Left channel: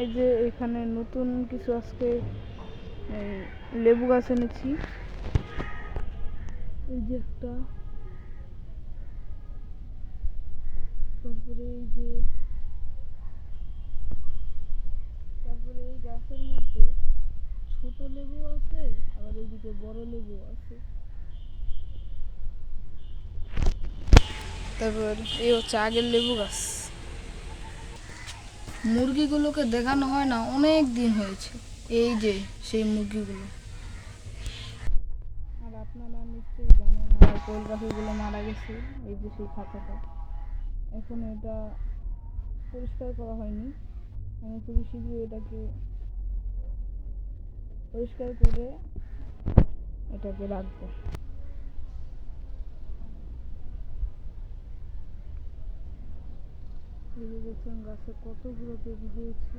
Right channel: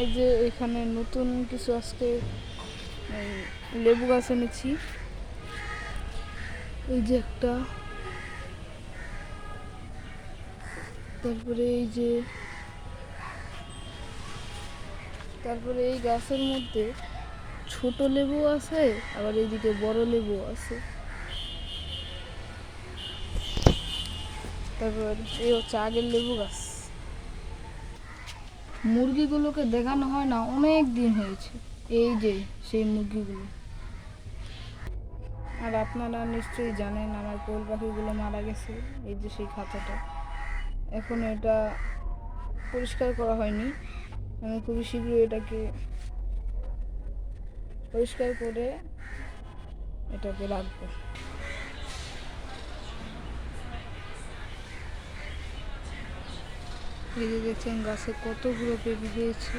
এই যে এখানে নতুন কিছু আজকে লেবু গাছ এনেছি। এই যে একটা, তারপরে এই গাছের মধ্যে ছোট লেবু আছে, আবার এইদিকে বড় লেবু আছে। তারপর এই হচ্ছে আগের লেবু গাছ। মুরগিগুলোকে দেখানো হয় না, অনেক দিন হয়েছে। এই যে সেই মুরগিগুলো। আর আপনারা নিশ্চয়ই জানেন আমার কোয়েল পাখিগুলো মারা গেছে। এই যে সেই খাঁচাটা, এখন এটা পরিষ্কার করা হয়নি। আমি খুবই শীঘ্রই এটাকে পরিষ্কার করে এটাকে রাখবো। এই যে দেখছেন গাছে কতগুলো পেঁপে হয়েছে।